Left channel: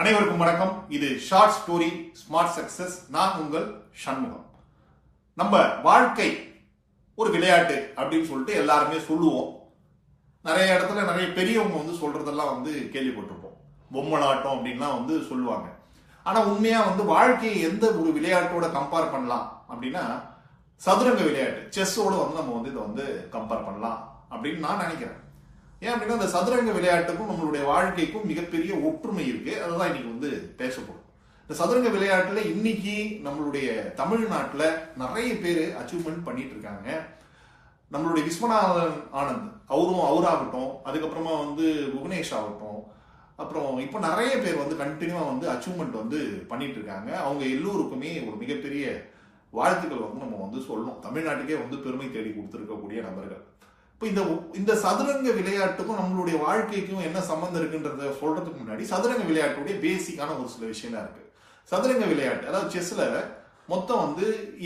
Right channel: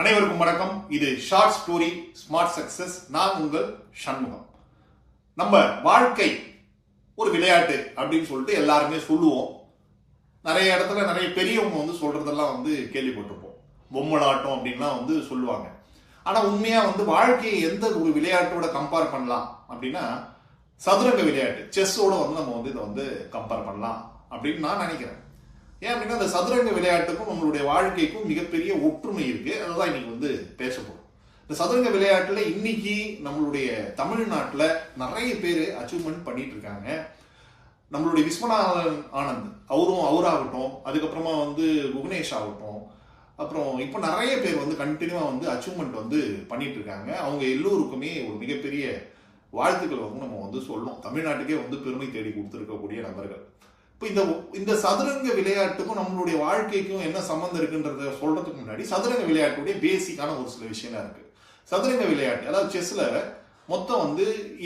அனைவருக்கும் வணக்கம். இது ஷார்ட் ஸ்டோரி ஸ்மார்ட் சக்சஸ். நான் உங்கள் சண்முகம். நம்ம வாழ்க்கை ஒரு விளையாட்டு அப்படின்னு சொல்லிட்டு எல்லாருமே சொல்லுவோம். நிறைய இடத்துல நிறைய பெரியவங்க சொல்றதெல்லாம் கேள்விப்பட்டிருப்போம். பொம்மலாட்டம் அப்படின்லாம் சொல்லுவாங்க. ஆனா உண்மையா வாழ்க்கையை எந்த ஒரு விளையாட்டோட கம்பேர் பண்ணலாம் அப்படின்னா சதுரங்க விளையாட்டு, செஸ்ஸோட நம்ம இதை கம்பேர் பண்ணலாம் அப்படின்னு நான் நினைக்கிறேன். ஏன் அப்படின்னா அந்த சதுரங்க விளையாட்டுக்கும் நம்மளுடைய வாழ்க்கைக்கும் மிகப்பெரிய ஒற்றுமை இருக்கு. அதுதான் இன்னைக்கு பேச போறோம். இந்த சதுரங்க விளையாட்டுல இன்னைக்கு நம்மளுடைய தமிழ்நாட்டுல நிறைய பேர் அச்சீவ்மெண்ட் பண்ணிட்டு இருக்காங்க. நம்மளுடைய விஸ்வநாதன் ஆனந்த் அவராகட்டும், அதுக்கப்புறமா புவனேஷ் ஆகட்டும், அப்புறம் இப்போ நிறைய பேர் கண்டினியூவா அச்சீவ்மெண்ட் பண்ணிட்டு இருக்காங்க. அவங்க எல்லோருக்குமே ஒரு மிகப்பெரிய வாழ்த்துக்கள் நம்ம சொல்லணும். தமிழ்நாட்டுக்கே பெருமை தேடி கொடுத்திருக்கக்கூடிய நபர்கள். இப்போ இந்த சதுரங்க விளையாட்டுக்கும் நம்மளுடைய வாழ்க்கைக்கும் என்ன சம்பந்தம் இருக்குன்றத சொல்றதுக்கு முன்னாடி சதுரங்க விளையாட்டுடைய பேசிக்கான ஒரு சில விஷயம்லாம் இருக்கு. சதுரங்க விளையாட்டு அதாவது செஸ்ல மொத்தம்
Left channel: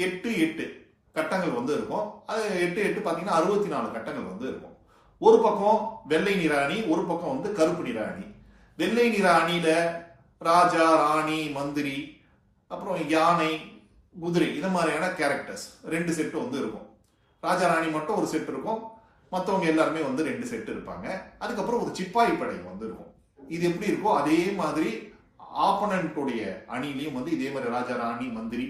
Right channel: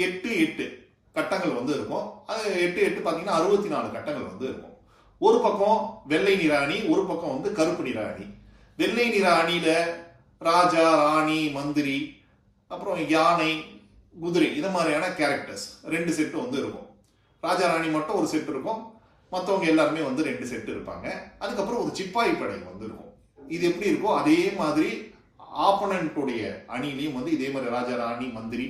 8 கட்டங்கள் இருக்கும். அது 8 பாத்தீங்கன்னா 64 கட்டங்கள் இருக்கும். ஒரு பக்கம் வெள்ளை நிற அணி, ஒரு பக்கம் கருப்பு நிற அணி. வெள்ளை நிற அணியில ராஜா, ராணி, மந்திரி, அப்புறம் யானை, குதிரை இந்த மாதிரியான கேரக்டர்ஸ் 2 செட்டு இருக்கும். ராஜா ராணி மட்டும் ஒரு செட் இருக்கும். மற்றவங்க எல்லாருமே 2 செட் இருப்பாங்க. அதுக்கப்புறம் ஒரு சிப்பாய் படை இருக்கும். இது எப்படி இருக்கோ அதே மாதிரி ஆப்பனன்ட்டுடைய அணிலையும் இதே மாதிரி ராஜா, ராணி, மந்திரி,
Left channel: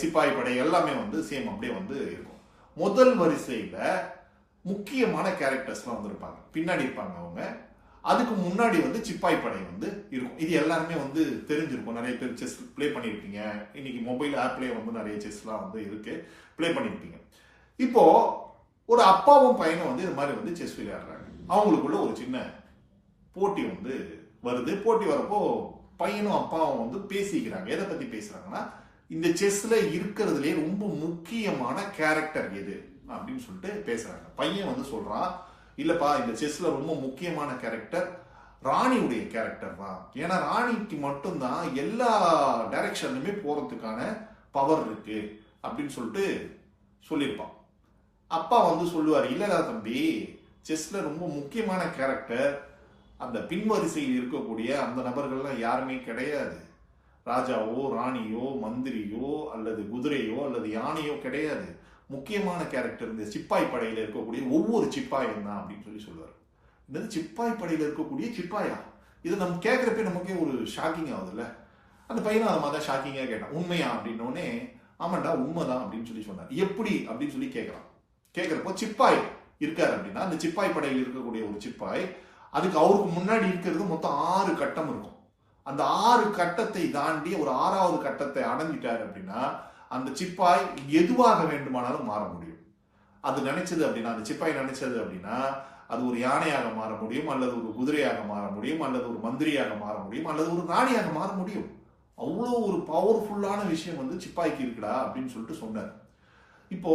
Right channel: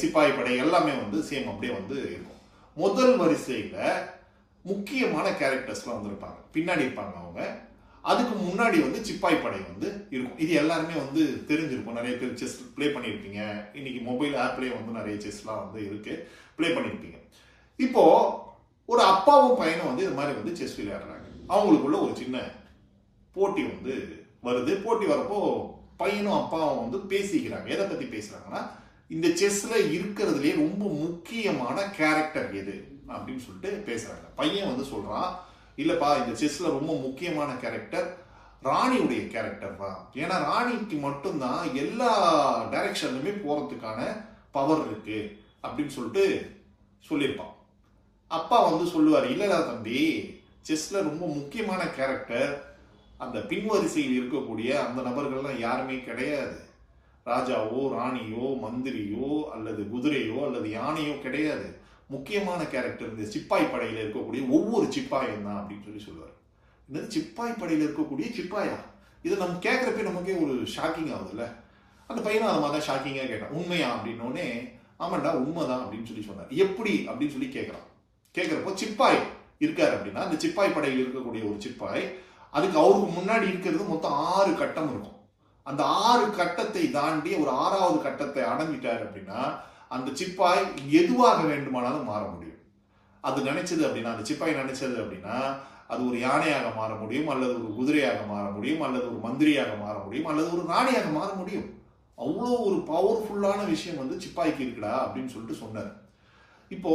சிப்பாய் படை எல்லாமே சேம் அப்படியே இருக்கும். முதல் வரிசையில முக்கியமான கேரக்டர்ஸ்லாம் இருப்பாங்க, பின்னாடி இருப்பாங்க அவங்க. அதுக்கு முன்னாடி சிப்பாய் படை இருக்கும். இது எல்லாருமே தெரிஞ்சிருக்கும். நிறைய பேர் செஸ் பிளே பண்ணியிருப்பீங்க. இன்னைக்கு மொபைல் ஆப்லேயே நிறைய செஸ்லாம் இருக்கு, பிளே பண்ணியிருப்பீங்க. இப்போ ஒரு அப்பாவும் பையனும் இது மாதிரி செஸ் விளையாடுறாங்க. அவங்களுக்குள்ள ஒரு சின்ன போட்டி வருது. போட்டி வரப்போ பையனும் அப்பாவும் பேசிக்கிறாங்க. எதை பத்தி பேசுறாங்கன்னா, இந்த செஸ்ல இருக்கிறதுலே ரொம்ப முக்கியமான கேரக்டர் எது அப்படின்னு சொல்லிட்டு பேசுறாங்க. பையன் சொல்றான், இல்லப்பா இந்த செஸ்ல ரொம்ப முக்கியமான கேரக்டர் ராணியுடைய கேரக்டர் தான். ஏன்னா ராணிக்கு மட்டும்தான் எல்லா டைரக்ஷன்லுமே போறதுக்கான பவர் இருக்கு அப்படின்னு சொல்லிட்டு சொல்லியிருப்பான். அப்பா சொல்லுவாரு, இல்லடா தம்பி, செஸ்ல ரொம்ப முக்கியமான கேரக்டர் அந்த பின்வரிசையில் இருக்கக்கூடிய அந்த நபர்கள்லாம் யாருமே கிடையாது. ராஜாவோ, ராணியோ, மந்திரியோ, அல்லது குதிரையோ, அல்லது யானையோ கிடையாது. முக்கியமான கேரக்டர் இந்த சிப்பாய் படையில இருக்கக்கூடிய ஒவ்வொரு சிப்பாயும் தான் அப்படின்னு சொல்லுவார். இந்த சிப்பாய் படையில இருக்கக்கூடிய சிப்பாயா? இதை நம்ம கேட்கறப்ப நமக்கே ஒரு ஷாக்கிங் ஆகுதுல்ல. அந்த பையனும் அதை மாதிரி ஷாக்கிங்கா கேட்டான். உண்மையா அப்படின்னோடனே, ஆமாண்டா உண்மைதான் அப்படின்னு சொன்னார். எப்படி அப்படின்னு சொல்லி கேட்கிறப்போ சிப்பாய் இருக்காரு அப்படின்னா, அந்த சிப்பாய் படையில் இருக்கக்கூடிய ஒரு சிப்பாய், அதுக்கு அவருக்கு முன்னாடி இருக்கிறது மொத்தம் 6 கட்டம் இருக்கும். அந்த 6 கட்டத்தை தாண்டி ஒரு 6வது கட்டத்தை அடைஞ்சிட்டாரு அப்படின்னா அந்த சிப்பாய் எதுவாக வேண்டுமானாலும் மாற முடியும். அது நினைச்சது அப்படின்னா, அந்த சிப்பாய் நினைச்சது அப்படின்னா அது ஒரு யானையாக மாற முடியும், அல்லது ஒரு குதிரையாக மாற முடியும், அல்லது ஒரு மந்திரியாக மாற முடியும், அல்லது ஒரு ராணியாக மாற முடியும். அவ்வளோ ஒரு பவர்ஃபுல்லான விஷயம் சிப்பாய்க்கு இருக்குடா அப்படின்னு சொல்லிட்டு சொன்னார். இப்போ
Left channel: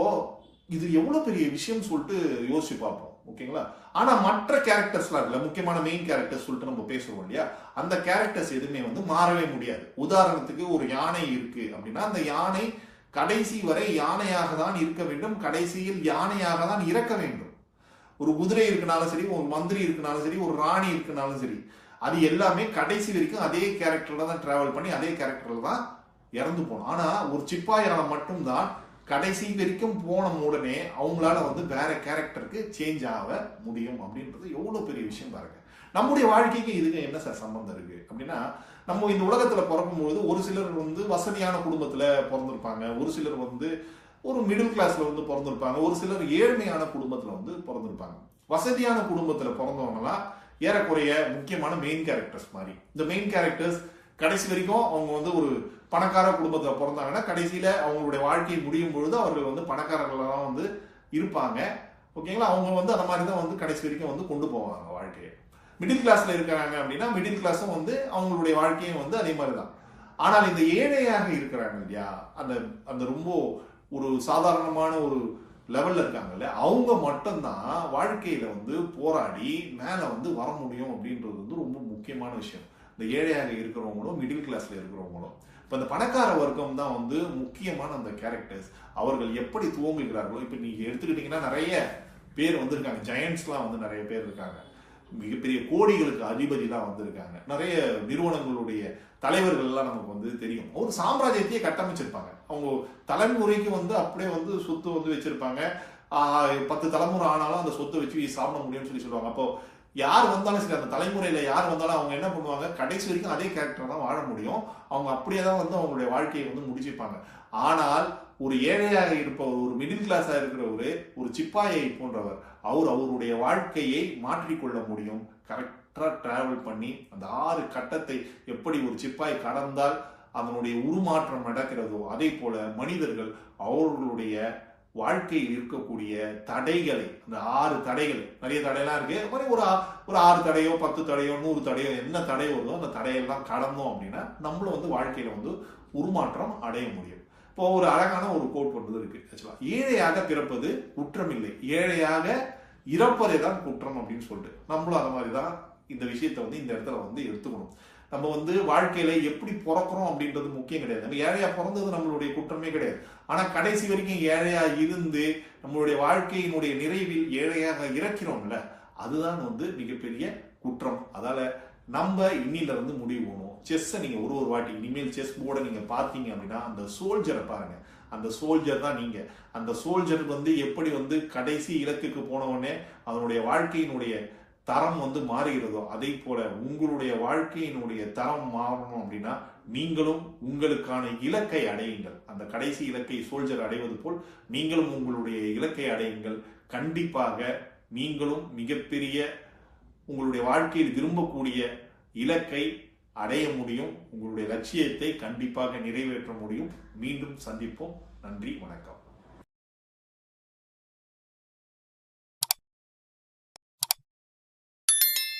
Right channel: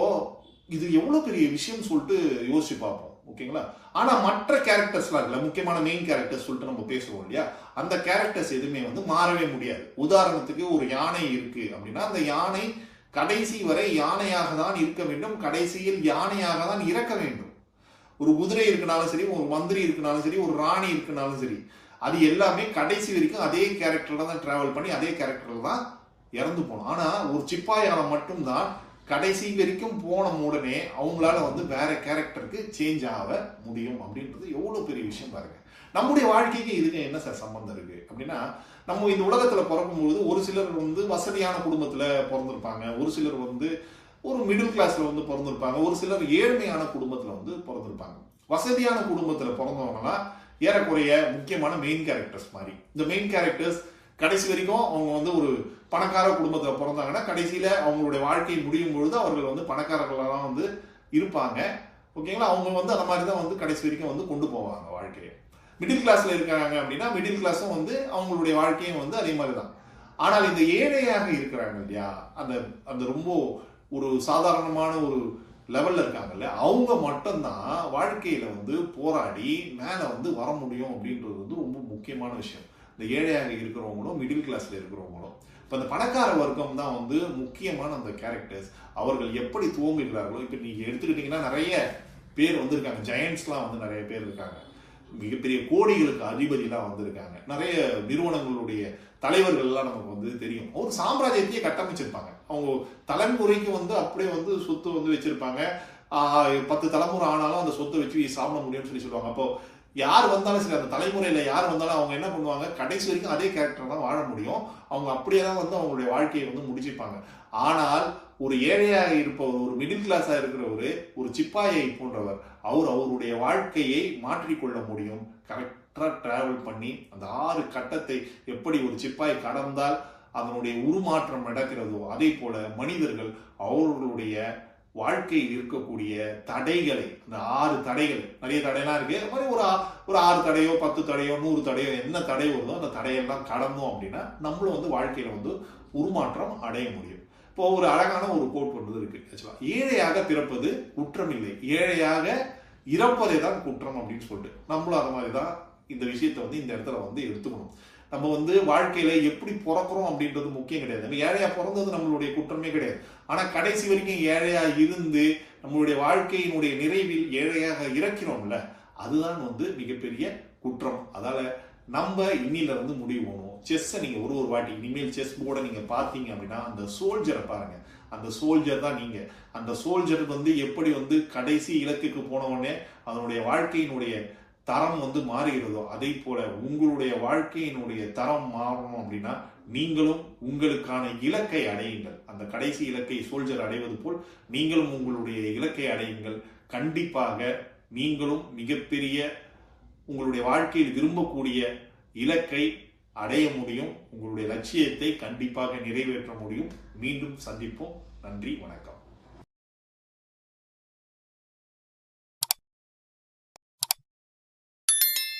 இது எவ்வளவு பெரிய விஷயம் சொல்லிட்டு யோசிச்சு பார்ப்போம். ஓகேங்களா? ஆனா மற்ற கேரக்டர்ஸ்லாம் இல்ல, முக்கியமான மெயின் கேரக்டர்ஸ் சொல்லிட்டு நம்ம பேசுவோம் இல்லையா, அந்த கேரக்டர்ஸ் எதுவுமே மாறவே முடியாது. உதாரணத்துக்கு ஒரு யானை இருக்கு அப்படின்னா அந்த யானை கடைசி வரை யானையாக தான் இருக்க வேண்டும், கடைசியில் யானையாக தான் இறக்க வேண்டும். ஒரு குதிரை இருக்குனாலும் சரி, ஒரு மந்திரி இருக்குனாலும் சரி, ஒரு ராணி இருக்குனாலும் சரி, அது எல்லாமே கடைசி வரைக்கும் அதே கேரக்டர்ல தான் டிராவல் பண்ணி அதே கேரக்டர்ல தான் இறந்து போகணும். ஆனா ஒரு சிப்பாயால மட்டும்தான் கடைசி வரைக்கும் போன உடனே அவங்களால வேற கேரக்டருக்கு சேஞ்ச் ஆக முடியும். அப்படின்றது எவ்வளவு பெரிய விஷயம் பாருங்க. நம்முடைய வாழ்க்கைக்கு இதுக்கு என்ன சார் சம்பந்தம் இருக்கு அப்படின்னா, நம்ம இந்த உலகத்துல பிறக்கும்போது ஒரு சிலர் வசதியான குடும்பத்துல பிறந்திருப்பாங்க, ஒரு சிலர் ஒரு மிடில் கிளாஸ்ல பிறந்திருப்பாங்க, ஒரு சிலர் ஏழ்மையான குடும்பத்துல பிறந்திருப்பாங்க. வசதியான குடும்பத்துல பிறந்தவங்கலாம் ஏறக்குறைய முக்கியமான மெயின் கேரக்டர்ஸ் மாதிரி. இந்த மெயின் கேரக்டர்ஸ் கடைசி வரைக்கும் அவங்க ஒரு பணக்கார குடும்பத்துல பிறந்தாங்கன்னா கடைசியில அவங்களுடைய வாழ்க்கை முடியும் பொழுது அவர்கள் பணக்காரர்களெல்லாம் இருப்பாங்க. ஓகேங்களா? அவங்க அந்த மாதிரி தான் கடைசி வரைக்கும் கொண்டு போவாங்க வாழ்க்கையை. மிடில் கிளாஸ்ல இருக்காங்க அப்படின்னா மிடில் கிளாஸும் அவங்களுடைய வாழ்க்கையும் அதே மாதிரி தான். ஆனால் இந்த ஏழையாக இருக்கிறாங்க இல்லையா, அந்த ரொம்ப ஒரு சாதாரணமான ஒரு லெவல்ல இருக்காங்கல்ல, அவங்க மட்டும்தான் வாழ்க்கையில போராடி மேல வர முடியும் அப்படின்றது ரொம்ப முக்கியமான விஷயம். இந்த ஏழையாக இருக்கிறவங்களும் மிடில் கிளாஸ்ல இருக்கிறவங்களும். இப்ப இந்த பணக்கார வர்க்கம் தான் முக்கியமான அந்த கேரக்டர்ஸ். அவர்கள் எப்படி துவங்குகிறார்களோ, இப்ப நீங்க எடுத்துக்கிட்டீங்கன்னா நிறைய பேர் இருக்காங்க, ஜெயண்ட்ஸ்லாம் நிறைய பேர் இருக்காங்க. மிகப்பெரிய கோடிகளுக்கு அதிபதிலாம் வந்திருக்காங்க. நிறைய நிறுவனங்களுடைய தலைவர்கள் எல்லாம் நமக்கு வந்து தெரியும். ஒரு சாம்ராஜ்யத்தையே கட்டமைச்சிருப்பாங்க. அவங்க தலைமுறைக்கு வந்து அப்படியே வந்து சொத்து வந்து வச்சிருப்பாங்க. 10 தலைமுறை ஆனாலும் அந்த சொத்தை வச்சு சாப்பிட முடியும்னு சொல்லுவாங்க. அப்போ யார் வந்தாலும் சரி, அந்த தலைமுறையில யார் வந்தாலும் அவங்க என்ன பண்ணுவாங்க, கடைசி வரைக்கும் அதே கேரக்டர் தான் வாழ முடியும். அவங்க அப்படியே தான் வந்து அவங்களுடைய வாழ்க்கையை வந்து முடிச்சுப்பாங்க. ஆனால் ஒரு ஏழையாக இருப்பவர், ஒரு மிடில் கிளாஸா இருக்கிறவர், ஒரு சிப்பாயை போன்றவர், அவருடைய வாழ்க்கையை மாற்றிக்கொள்ள முடியும். கரெக்டா டிராவல் பண்ணி அந்த 6 கட்டத்தை எப்படி ஒரு சிப்பாய் கடந்தால் அதனுடைய உருமாற்றம் நடக்கிறதோ அதே போல மனிதர்கள் அவர்களுடைய வாழ்க்கையில் இருக்கக்கூடிய தடைகளை, அந்த 6 தடைகள், நிறைய தடையெல்லாம் இருக்கு, மாதிரி ஒரு 6 தடையோ 10 தடையோ 100 தடையோ என்ன தடை வருதோ அந்த தடையெல்லாம் கடந்தோம் அப்படின்னா நம்மளும் வந்து வாழ்க்கையில வந்து உருமாற்றம் அடைய முடியும். இப்போ ஒரு அழகான ஒரு கோட் ஒன்று இருக்கு. ஆக்சுவலா ஏழையாக பிறப்பது குற்றம் இல்லை, ஏழையாக இறப்பதை தான் குற்றம் அப்படின்னு சொல்லிட்டு நம்மளும் அது மாதிரிதான் இந்த விஷயத்த வந்து இந்த இடத்துல வந்து எடுத்துக்கணும். நம்ம வந்து வாழ்க்கையில எப்படி பிறக்கிறோம் அப்படின்றது முக்கியம் கிடையாது. நம்ம ஏழையா பிறந்தது நம்மளுடைய குற்றமே கிடையாது. ஆனா கடைசி வரைக்கும் ஏழையா இருந்து நம்மளுடைய வாழ்க்கையினுடைய நிறைவில் ஏழையாக இறக்கிறோம்ல, அதுதான் வந்து மிகப்பெரிய குற்றம். அதால நம்ம இன்னில வந்து முடிவு போகணும். செஸ்ஸை நீங்க ஒரு வாட்டி இனிமேல் செஸ் போர்டை நீங்க பாத்தீங்க அப்படின்னா அந்த சோல்ஜரை பாருங்க. அந்த சோல்ஜர் தான் நீங்க. அந்த சோல்ஜர் வந்து எப்படி வந்து கடைசி இலக்குக்கு போன உடனே அதனுடைய வாழ்க்கையினுடைய தரம் வந்து மாறுகிறதோ அதே போல உங்களுடைய வாழ்க்கையினுடைய தரம் மாறணும் அப்படின்னா நீங்களும் உங்களுக்கான இலக்கை அடையுங்கள். அந்த கடைசி இலக்கை சோல்ஜர் அடைவது போல் நீங்களும் உங்களுடைய இலக்கை அடையுங்கள். கண்டிப்பாக நீங்களும் மிகப்பெரிய உங்களுடைய வாழ்க்கையில் விரும்பக்கூடிய இலக்கை அடைய முடியும். உங்களுடைய லட்சியத்தை கண்டிப்பாக நிறைவேற்ற முடியும். மீண்டும் சந்திப்போம். நன்றி, வணக்கம்.